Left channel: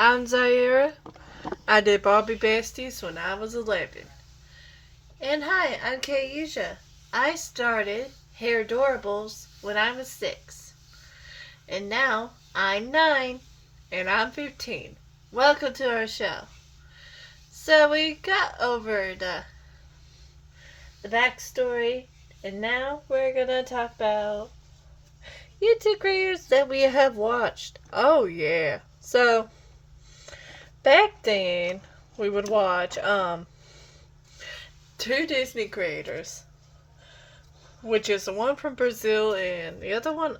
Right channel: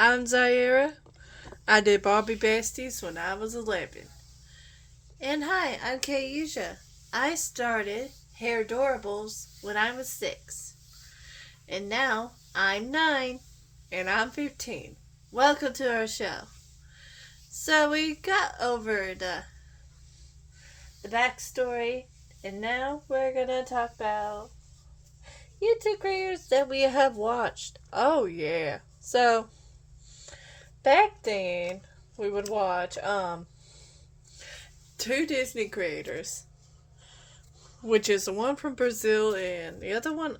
I'm Zaira. I did Barbie Besties when I was 11. And hi, I'm Kaisha. I started Hair Adorables when I was 6. And now I'm 9. And I'm 15. Welcome to our show. So we got over the backstory. And now we're going to talk about YouTube creators that we have watched. Oh yeah. So back then we would watch two Disney creators, which is the one from Brazil and the other one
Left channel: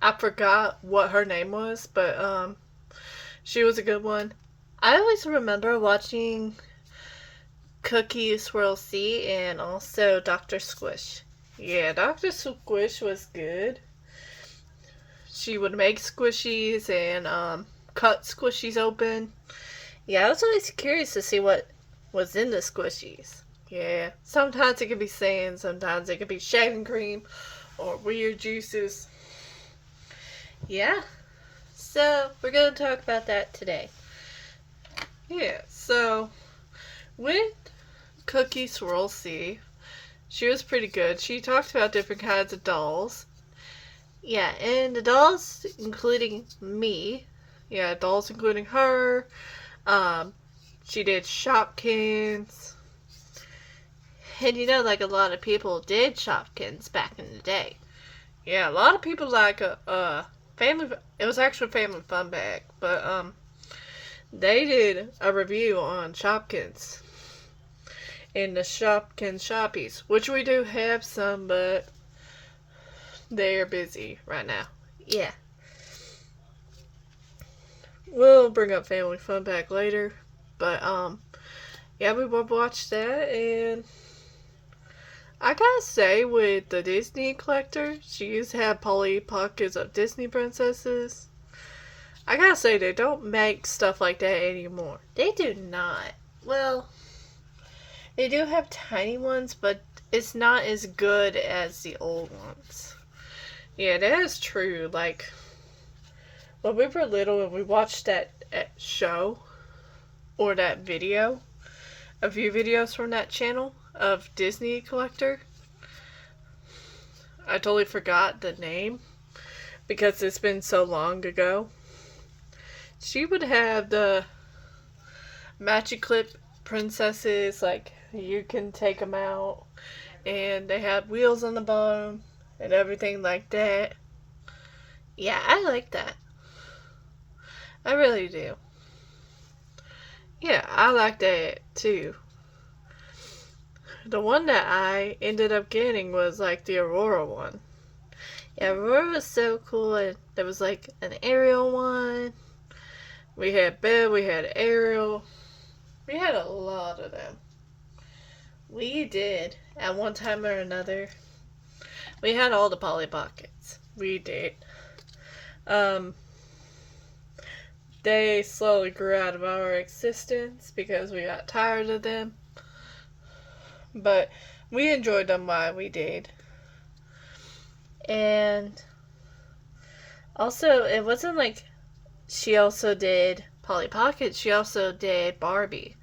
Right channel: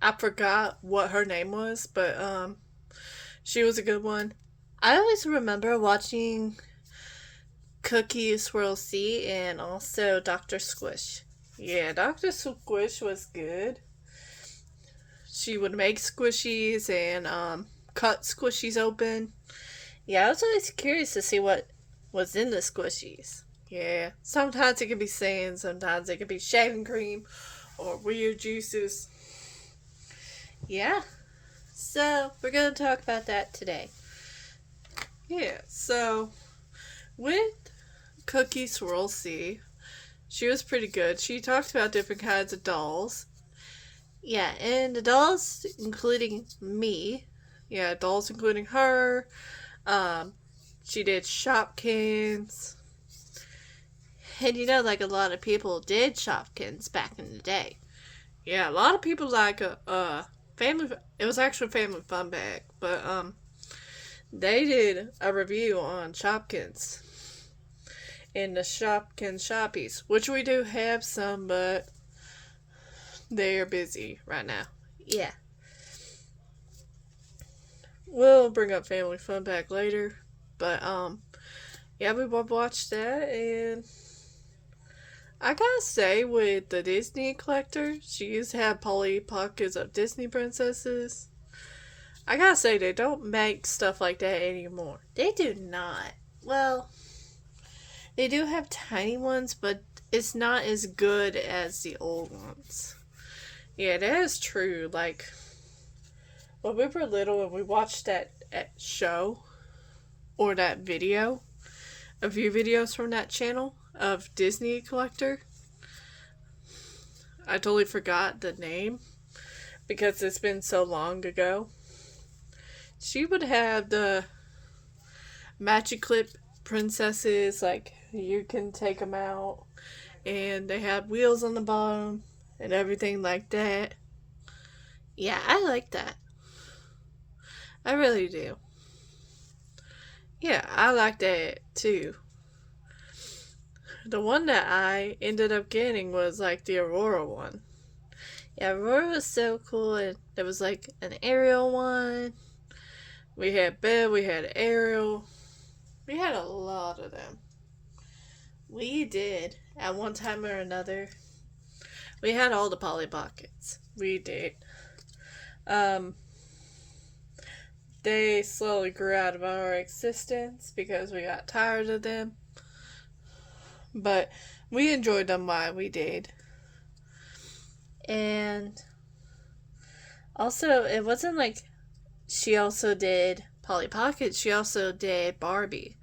I forgot what her name was, but she was a good one. I always remember watching Cookie Swirl C and also Dr. Squish. Yeah, Dr. Squish was good. She would make squishies and cut squishies open. Yeah, I was always curious to see what was in the squishies. Yeah, sometimes it could be sand, sometimes it could be shaving cream or weird juices. Yeah, so we're going to talk about that today. Yeah, so with Cookie Swirl C, she was pretty good. She talked about different kinds of dolls. Yeah, and the dolls including me. Yeah, dolls including her. She did Shopkins. And like a lot of people did Shopkins back in the day. Yeah, a lot of people like family. It was actually Family Fun Bag, but they did a review on Shopkins and the Shopkins Shoppies, which we do have some, but they're busy right now. Yeah, we'll bring up Family Fun Bag later, but yeah, we both watched that, and I gotta say, with the Disney collector, she used to have Polly Pockets of Disney princesses. I gotta say, they don't make stuff like that anymore. They do not. Well, they do have tiny ones, but it's not as good as the old ones. Yeah, that is true. Like, when we were little and we watched that show, or that video, a few videos from that channel of Disney Collector, I totally forgot the name because it's been so long ago. She would have the Magic Clip princesses, like you can take them out, and they had wheels on the bottom and everything like that. Yeah, I like that. I really do. Yeah, I like that too. The one that I ended up getting was like the Aurora one. Yeah, Aurora was so cool, and there was like an Ariel one. We had Belle, we had Ariel. We had a lot of them. We did, at one time or another. We had all the Polly Pockets. We did. Um, they slowly grew out of our existence because we got tired of them. But we enjoyed them while we did. And also, it wasn't like she also did Polly Pocket, she also did Barbie.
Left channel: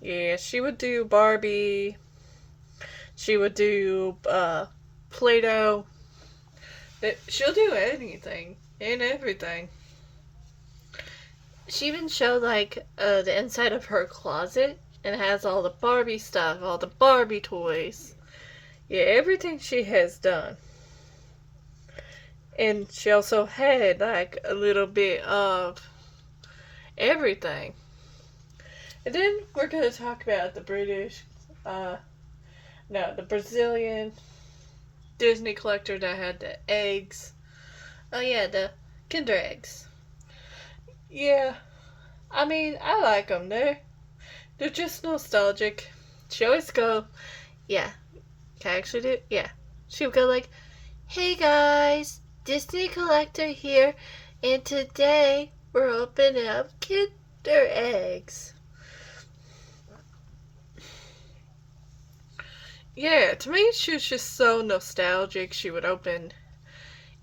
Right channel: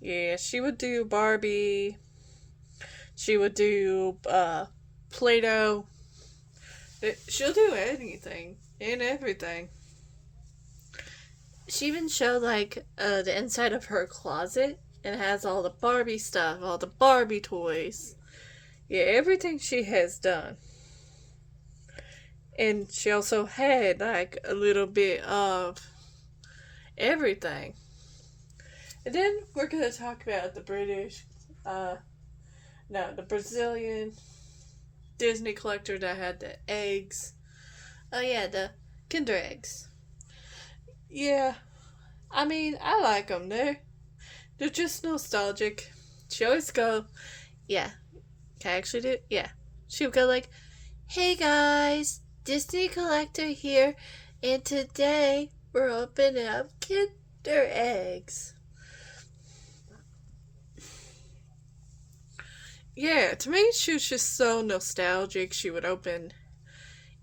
Yeah, she would do Barbie. She would do Play-Doh. She'll do anything and everything. She even showed like the inside of her closet, and it has all the Barbie stuff, all the Barbie toys. Yeah, everything she has done. And she also had like a little bit of everything. And then we're going to talk about the the Brazilian Disney collector that had the eggs. Oh yeah, the Kinder eggs. Yeah, I mean, I like them. They're just nostalgic. She always go, yeah, can I actually do it? Yeah. She would go like, hey guys, Disney collector here, and today we're opening up Kinder eggs. Yeah, to me, she was just so nostalgic. She would open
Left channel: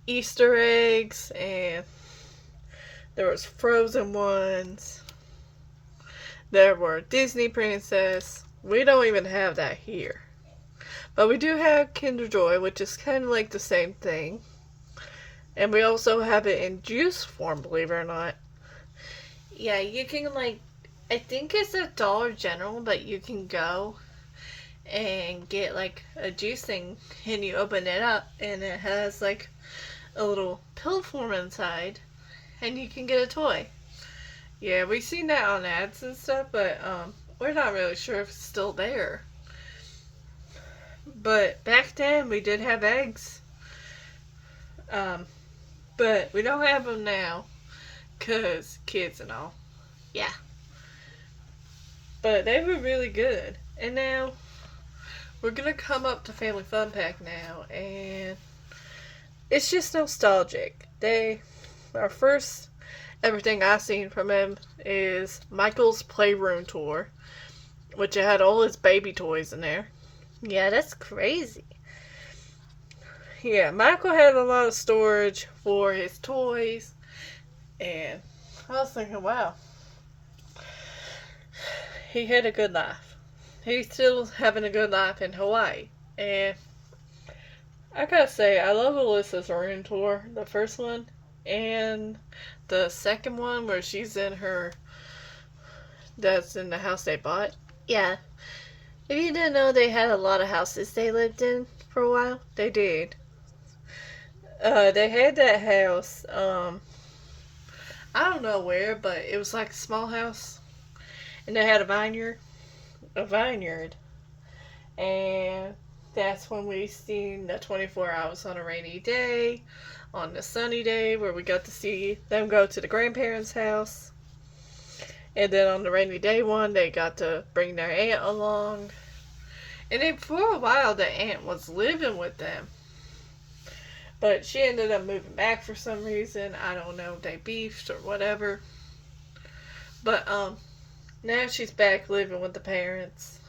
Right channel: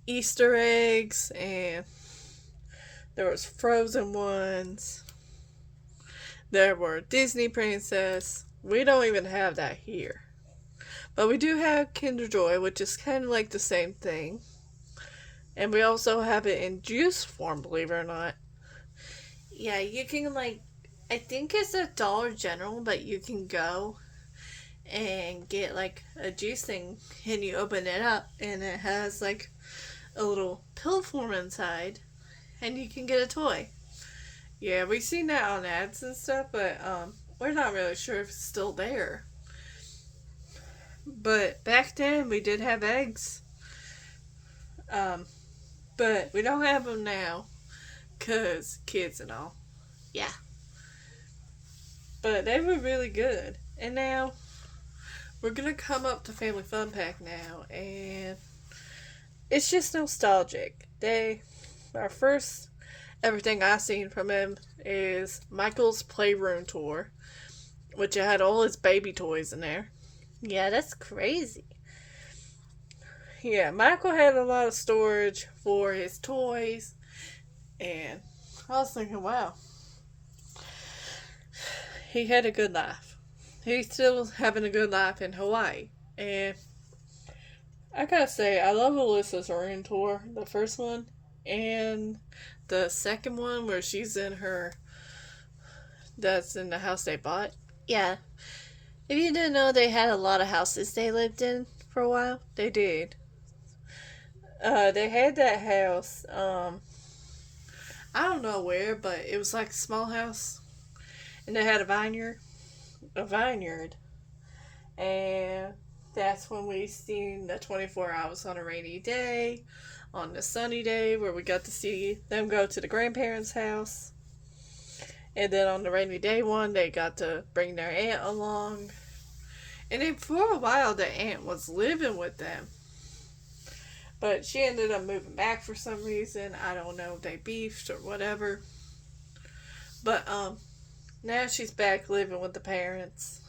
Easter eggs and There was Frozen ones. There were Disney Princess. We don't even have that here. But we do have Kinder Joy, which is kind of like the same thing. And we also have it in juice form, believe it or not. Yeah, you can like, I think it's a Dollar General, but you can go and get like a juice thing and you open it up and it has like a little pill form inside and you can get a toy. Yeah, we've seen that on ads and stuff, but we're not really sure if it's still there. But back then we did have eggs. But we don't have them now because kids and all. Yeah. But they were really good. And now we're going to come up to Family Fun Pack now. And it's just nostalgic. Our first everything I've seen from him is Michael's Playroom Tour, which had all his baby toys in there. Yeah, that's crazy. Yeah, Michael had a lot of storage for his toys, and I was thinking, wow, he had a good life. He's still having a good life in Hawaii, and I gotta say, I love Alyssa's room tour, the first one, and the second one where she's in that's in the house they bought. Yeah, if you didn't know, they had a lot of houses they lived in for a while. They did. They had that house. I don't know where, but it was like a small house, and they had a vineyard, and that's when we seen the 24 hours on a rainy day, on the sunny day where we got to see them go to the grandparents' house, and then on the rainy day one they got to bring their aunt along, and then for a while the aunt was living with them. But she ended up moving back for some reason. I don't know if they beefed or whatever. But now she's back living with the parents.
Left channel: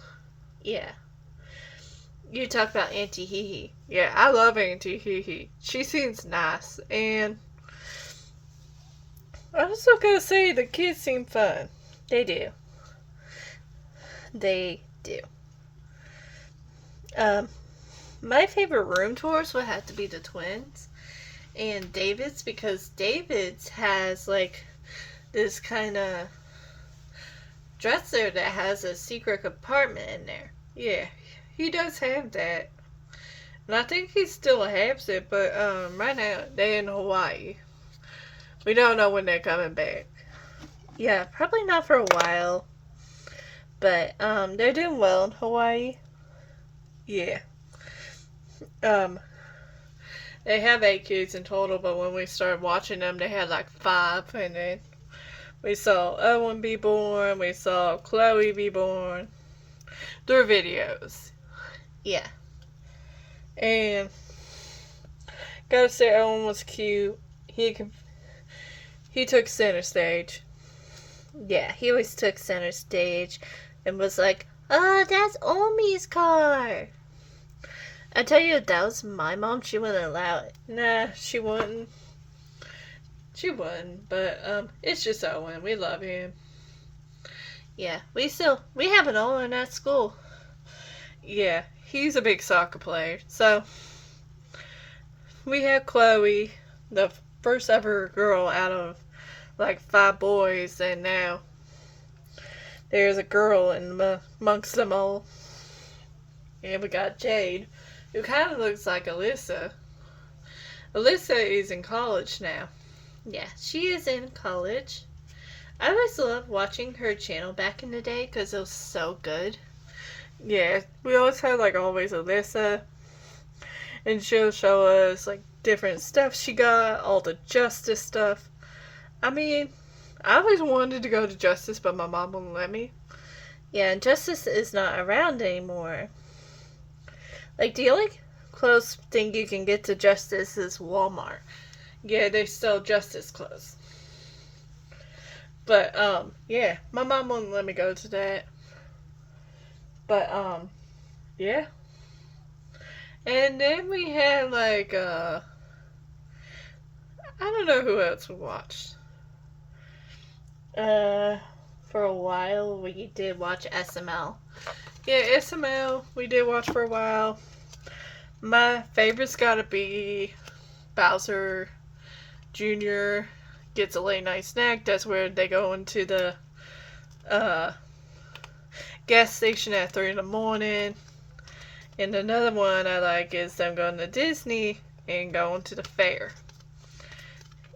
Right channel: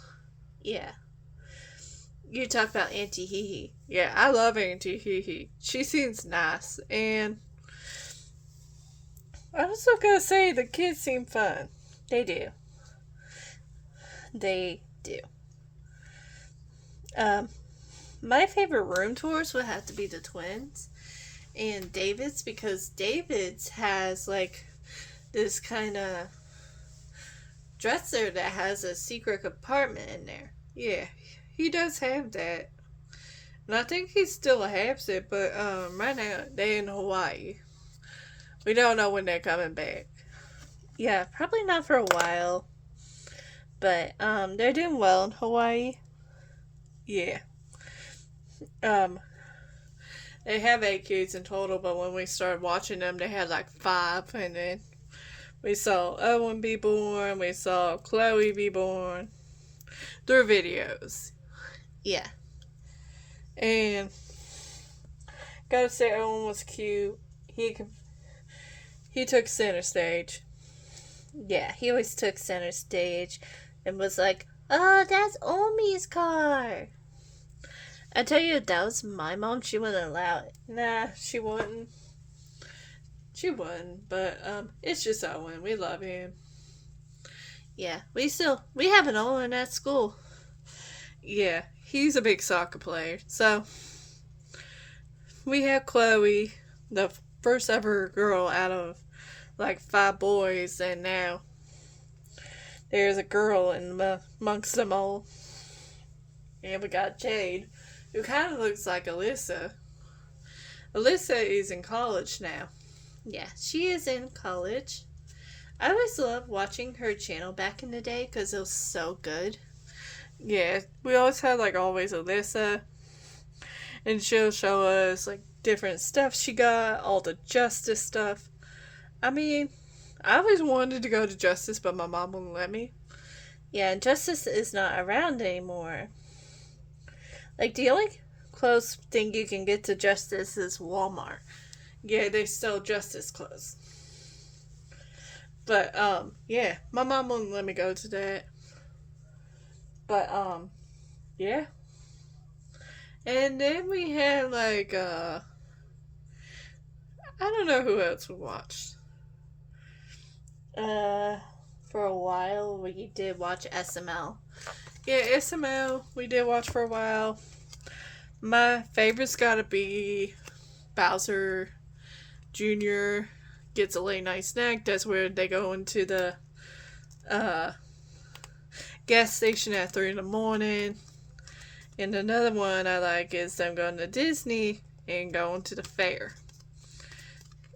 Yeah. You talk about Auntie Hee Hee. Yeah, I love Auntie Hee Hee. She seems nice. And I was also gonna say the kids seem fun. They do. They do. My favorite room tours would have to be the twins and David's, because David's has like this kind of dresser that has a secret compartment in there. Yeah, he does have that. And I think he still has it, but right now they're in Hawaii. We don't know when they're coming back. Yeah, probably not for a while. But they're doing well in Hawaii. Yeah. They have 8 kids in total, but when we started watching them, they had like 5, and then we saw Owen be born, we saw Chloe be born through videos. Yeah. And gotta say, Owen was cute. He took center stage. Yeah, he always took center stage and was like, "Oh, that's Omi's car." I tell you, if that was my mom, she wouldn't allow it. Nah, she wouldn't. She wouldn't, but it's just Owen. We love him. Yeah, we have an Owen at school. Yeah, he's a big soccer player. So we had Chloe, the first ever girl out of like 5 boys, and now there's a girl amongst them all. And we got Jade, who kind of looks like Alyssa. Alyssa is in college now. Yeah, she is in college. I always loved watching her channel back in the day because it was so good. Yeah, we always had like always Alyssa, and she'll show us like different stuff she got, all the Justice stuff. I mean, I always wanted to go to Justice, but my mom wouldn't let me. Yeah, and Justice is not around anymore. Like, the only close thing you can get to Justice is Walmart. Yeah, they sell Justice clothes. But, yeah, my mom wouldn't let me go to that. But, yeah. And then we had, like, I don't know who else we watched. Uh, for a while, we did watch SML. Yeah, SML, we did watch for a while. My favorite's gotta be Bowser Jr. gets a late night snack. That's where they go into the uh, gas station at 3 in the morning. And another one I like is them going to Disney and going to the fair.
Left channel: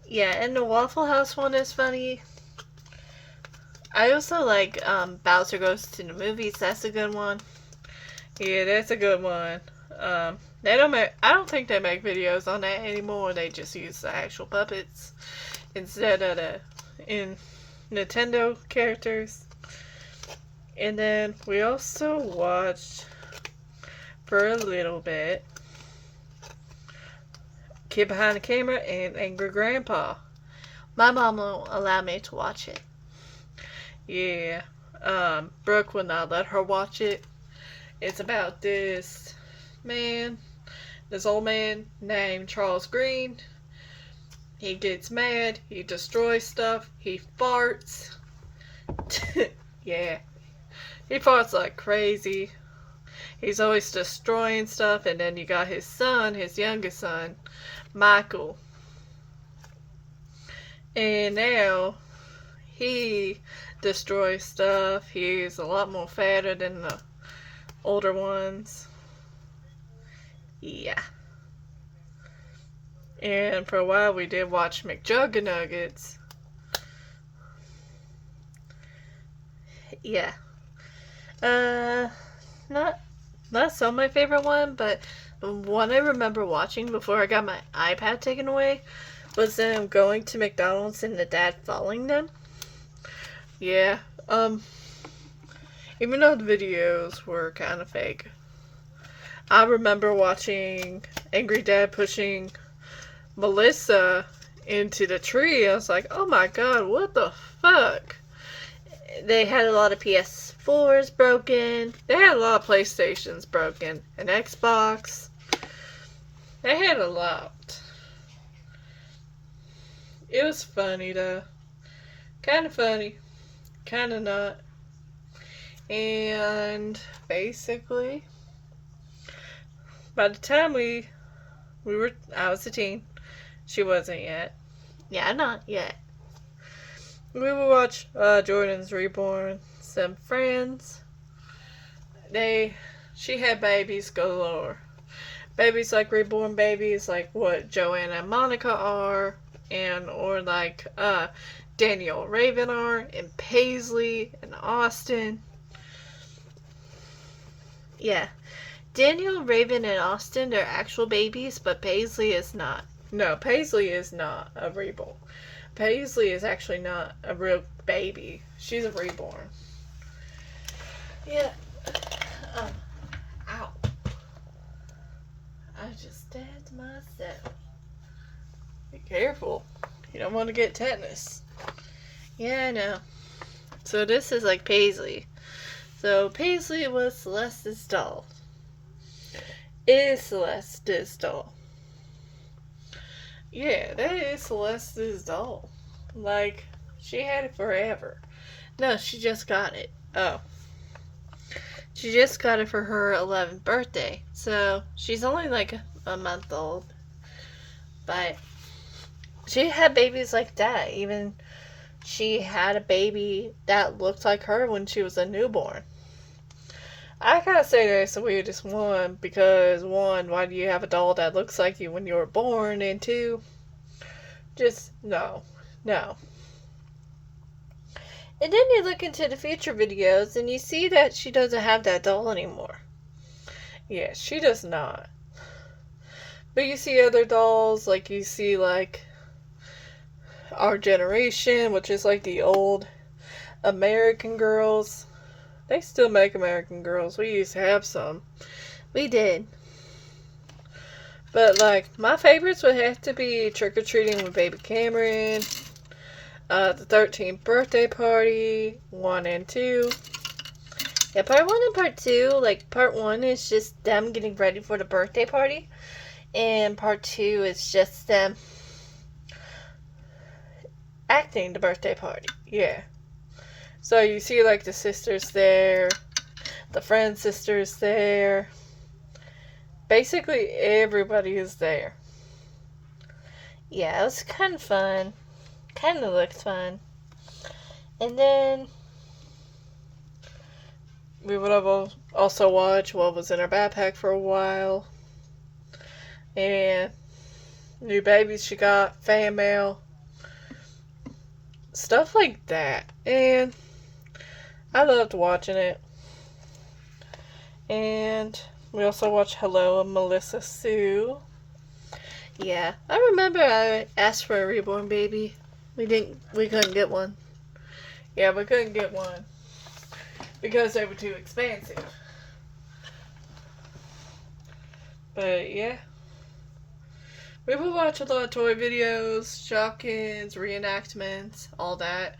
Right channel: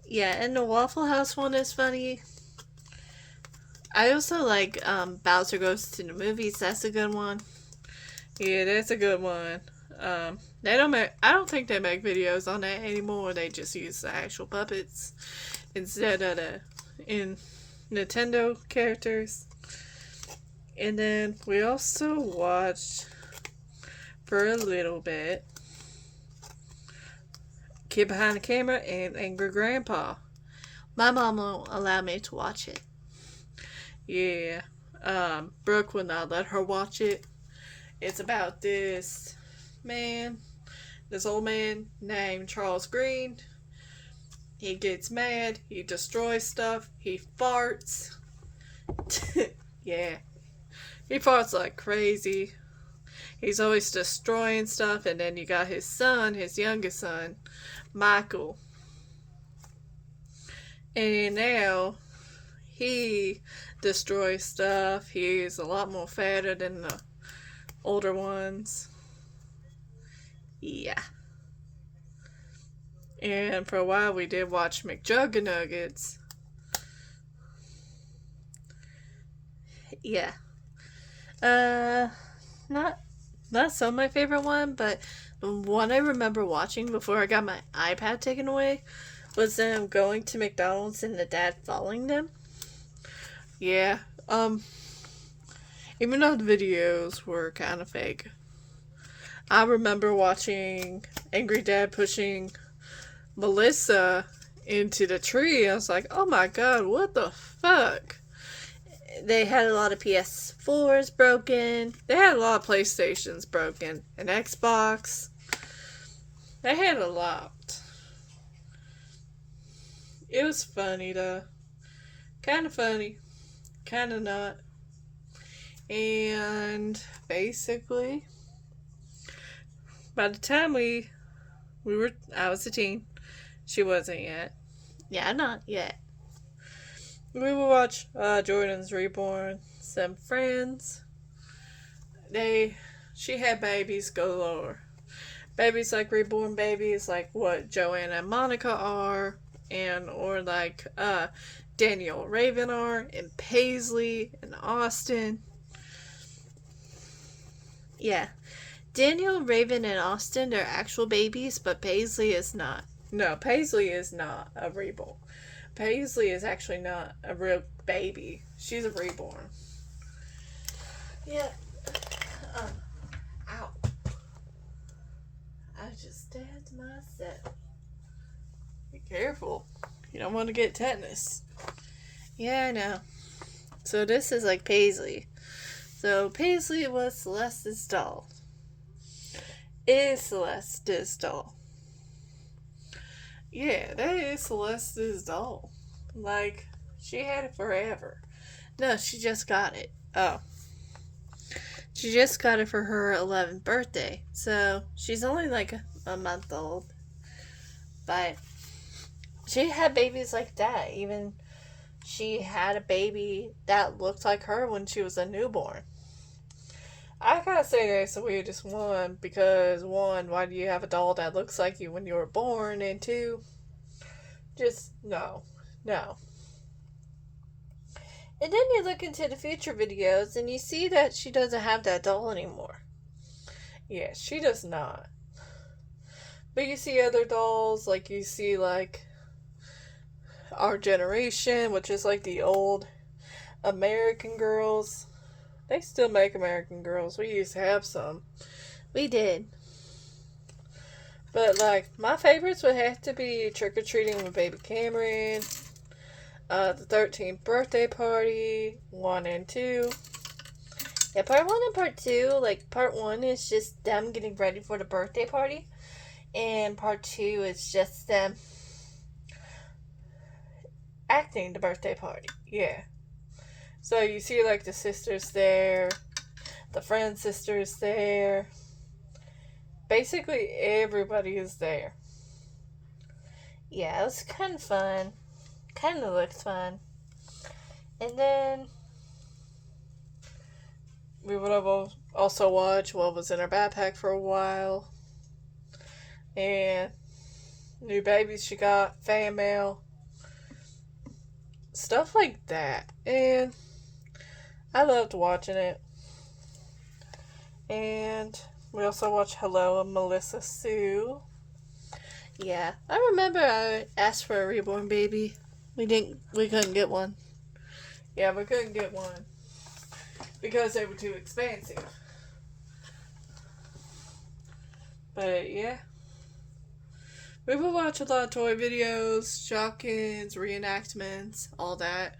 Yeah, and the Waffle House one is funny. I also like Bowser Goes to the Movies. That's a good one. Yeah, that's a good one. They don't make. I don't think they make videos on that anymore. They just use the actual puppets instead of the Nintendo characters. And then we also watched for a little bit Kid Behind the Camera and Angry Grandpa. My mom won't allow me to watch it. Yeah. Brooke will not let her watch it. It's about this old man named Charles Green. He gets mad, he destroys stuff, he farts. Yeah. He farts like crazy. He's always destroying stuff, and then you got his son, his youngest son, Michael. And now he destroys stuff. He's a lot more fatter than the older ones. Yeah. And for a while we did watch McJuggernuggets. Yeah. Not so my favorite one, but one I remember watching before I got my iPad taken away was them going to McDonald's and the dad following them. Yeah. Even though the videos were kind of fake, I remember watching Angry Dad pushing Melissa into the tree. I was like, oh my god, what the fuck? They had a lot of PS4s broken. They had a lot of PlayStations broken. An Xbox. They had a lot. It was funny though. Kind of funny. Kind of not. And basically, by the time I was a teen. She wasn't yet. Yeah, not yet. We would watch Jordan's Reborn, some friends. She had babies galore. Babies like reborn babies, like what Joanna and Monica are, or like Daniel Raven are, and Paisley and Austin. Yeah. Daniel, Raven, and Austin are actual babies, but Paisley is not. No, Paisley is not a reborn. Paisley is actually not a real baby. She's a reborn. Yeah. Ow. I just stabbed myself. Be careful. You don't want to get tetanus. Yeah, I know. So this is like Paisley. So Paisley was Celeste's doll. Is Celeste's doll. Yeah, that is Celeste's doll. Like, she had it forever. No, she just got it. Oh. She just got it for her 11th birthday. So, she's only like a month old. But she had babies like that. Even she had a baby that looked like her when she was a newborn. I gotta say that's the weirdest one because one, why do you have a doll that looks like you when you were born? And two, just no. And then you look into the future videos and you see that she doesn't have that doll anymore. Yeah, she does not. But you see other dolls, like you see like Our Generation, which is like the old American Girls. They still make American Girls. We used to have some. We did. But, like, my favorites would have to be Trick or Treating with Baby Cameron, the 13th Birthday Party, 1 and 2. Yeah, part 1 and part 2, like, part 1 is just them getting ready for the birthday party, and part 2 is just them acting the birthday party. Yeah. So you see like the sisters there, the friend sisters there. Basically everybody is there. Yeah, it was kind of fun. Kind of looked fun. And then we would have also watched what was in her backpack for a while. And new babies she got, fan mail. Stuff like that. And I loved watching it. And we also watched Hello and Melissa Sue. Yeah, I remember I asked for a reborn baby. We couldn't get one. Yeah, we couldn't get one because they were too expensive. But yeah, we would watch a lot of toy videos, Shopkins, reenactments, all that.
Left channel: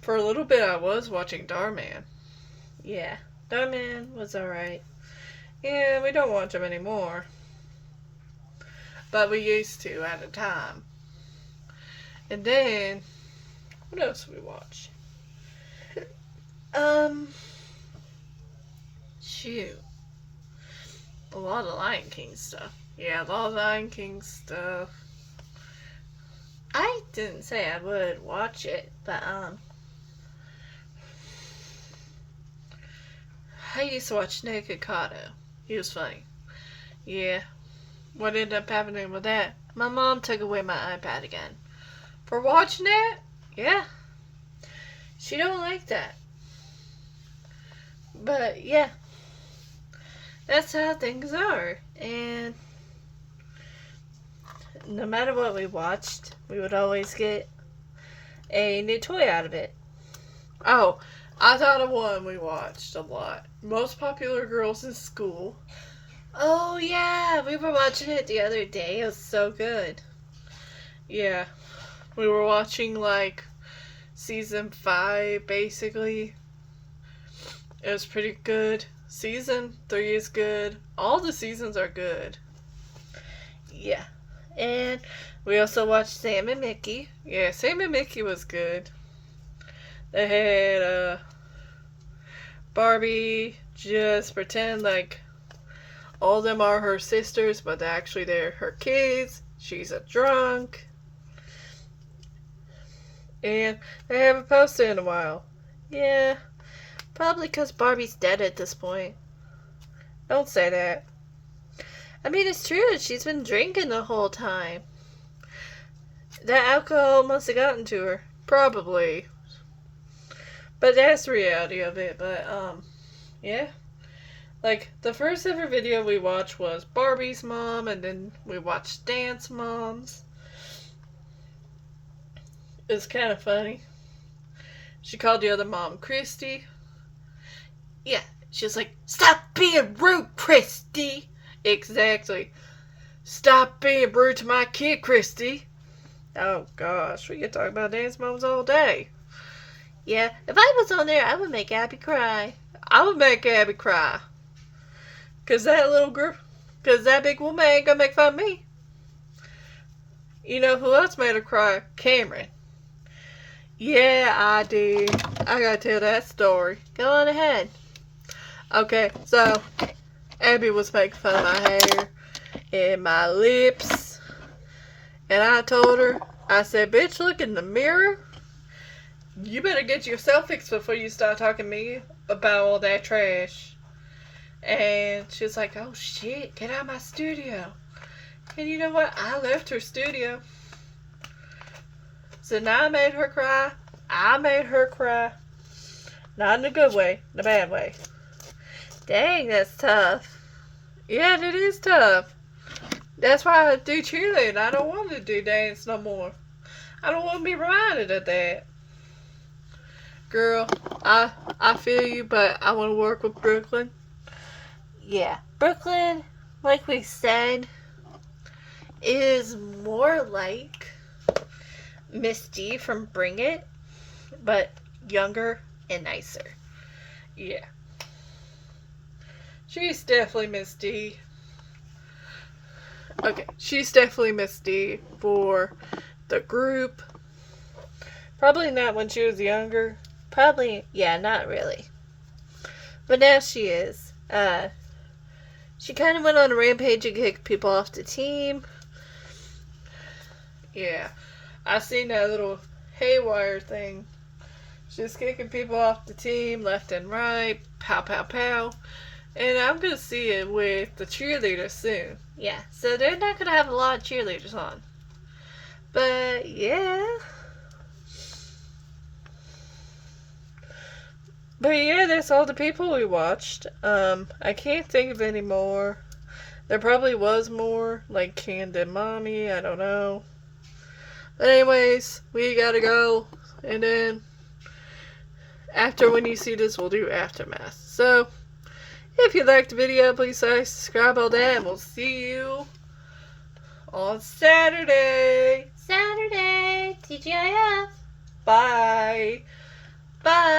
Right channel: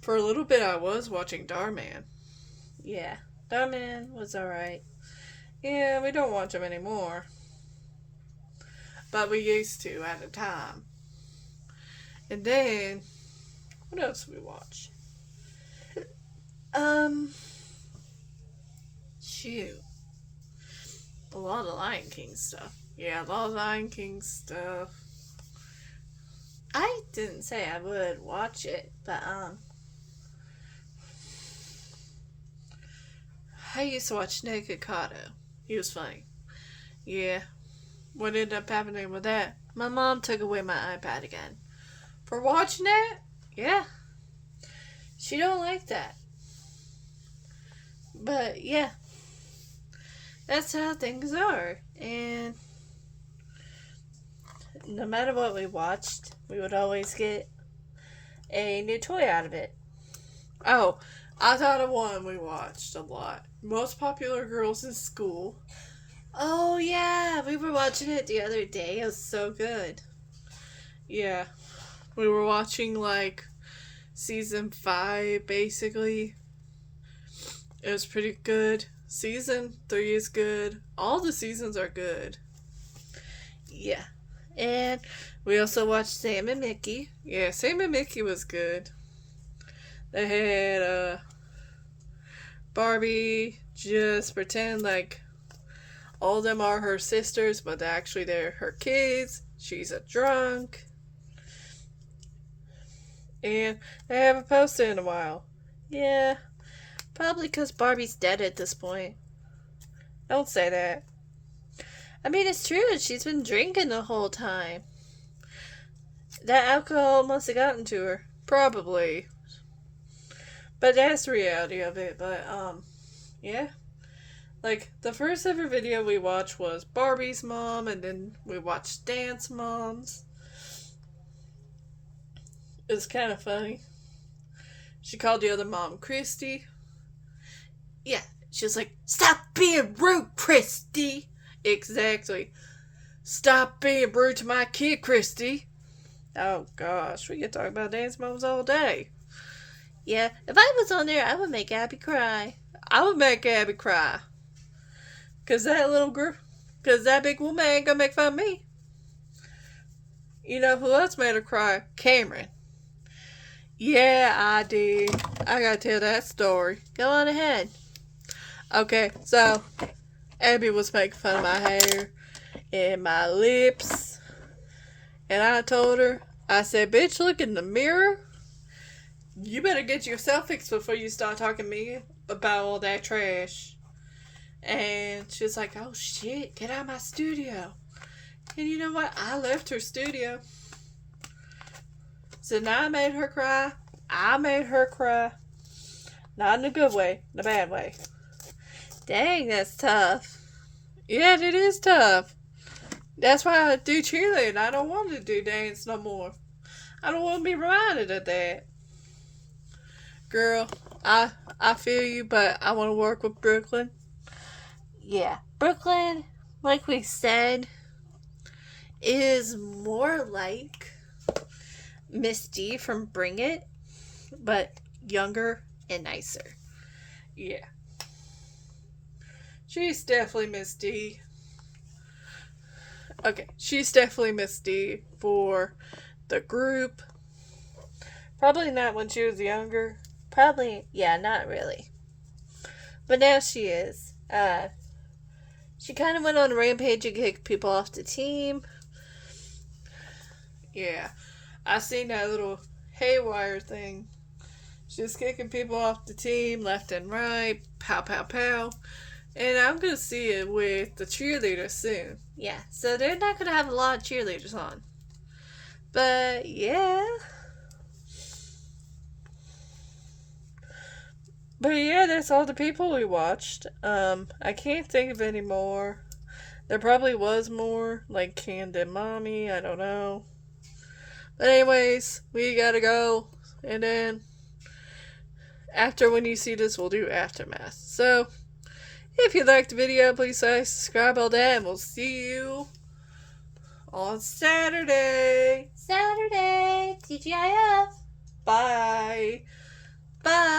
For a little bit, I was watching Darman. Yeah, Darman was alright. Yeah, we don't watch them anymore. But we used to at a time. And then, what else did we watch? Shoot. A lot of Lion King stuff. Yeah, a lot of Lion King stuff. I didn't say I would watch it, but, I used to watch Naked Kato. He was funny. Yeah. What ended up happening with that? My mom took away my iPad again. For watching that? Yeah. She don't like that. But, yeah. That's how things are. And no matter what we watched, we would always get a new toy out of it. Oh, I thought of one we watched a lot. Most Popular Girls in School. Oh, yeah. We were watching it the other day. It was so good. Yeah. We were watching, like, season 5, basically. It was pretty good. Season 3 is good. All the seasons are good. Yeah. And we also watched Sam and Mickey. Yeah, Sam and Mickey was good. They had Barbie just pretend like all of them are her sisters, but actually they're her kids. She's a drunk. And they haven't posted in a while. Yeah. Probably because Barbie's dead at this point. Don't say that. I mean, it's true. She's been drinking the whole time. That alcohol must have gotten to her. Probably. But that's the reality of it. But, yeah. Like, the first ever video we watched was Barbie's mom, and then we watched Dance Moms. It's kind of funny. She called the other mom Christy. Yeah, she was like, "Stop being rude, Christy." Exactly. "Stop being rude to my kid, Christy." Oh gosh, we could talk about Dance Moms all day. Yeah, if I was on there, I would make Abby cry. I would make Abby cry. Cause that little girl, cause that big woman ain't gonna make fun of me. You know who else made her cry? Cameron. Yeah, I did. I gotta tell that story. Go on ahead. Okay, so Abby was making fun of my hair and my lips. And I told her, I said, "Bitch, look in the mirror. You better get yourself fixed before you start talking to me about all that trash." And she was like, "Oh shit, get out of my studio." And you know what? I left her studio. So now I made her cry. I made her cry. Not in a good way, in a bad way. Dang, that's tough. Yeah, it is tough. That's why I do cheerleading. I don't want to do dance no more. I don't want to be reminded of that. Girl, I feel you, but I want to work with Brooklyn. Yeah, Brooklyn, like we said, is more like Miss D from Bring It, but younger and nicer. Yeah. She's definitely Miss D. Okay, she's definitely Miss D for the group. Probably not when she was younger. Probably, yeah, not really. But now she is. She kind of went on a rampage and kicked people off the team. Yeah, I seen that little haywire thing. She's kicking people off the team left and right. Pow, pow, pow. And I'm going to see it with the cheerleaders soon. Yeah, so they're not going to have a lot of cheerleaders on. But, yeah. But, yeah, that's all the people we watched. I can't think of any more. There probably was more, like Canned and Mommy, I don't know. But anyways, we gotta go. And then, after when you see this, we'll do Aftermath. So, if you liked the video, please like, subscribe, all that, and we'll see you on Saturday. Saturday, TGIF. Bye. Bye.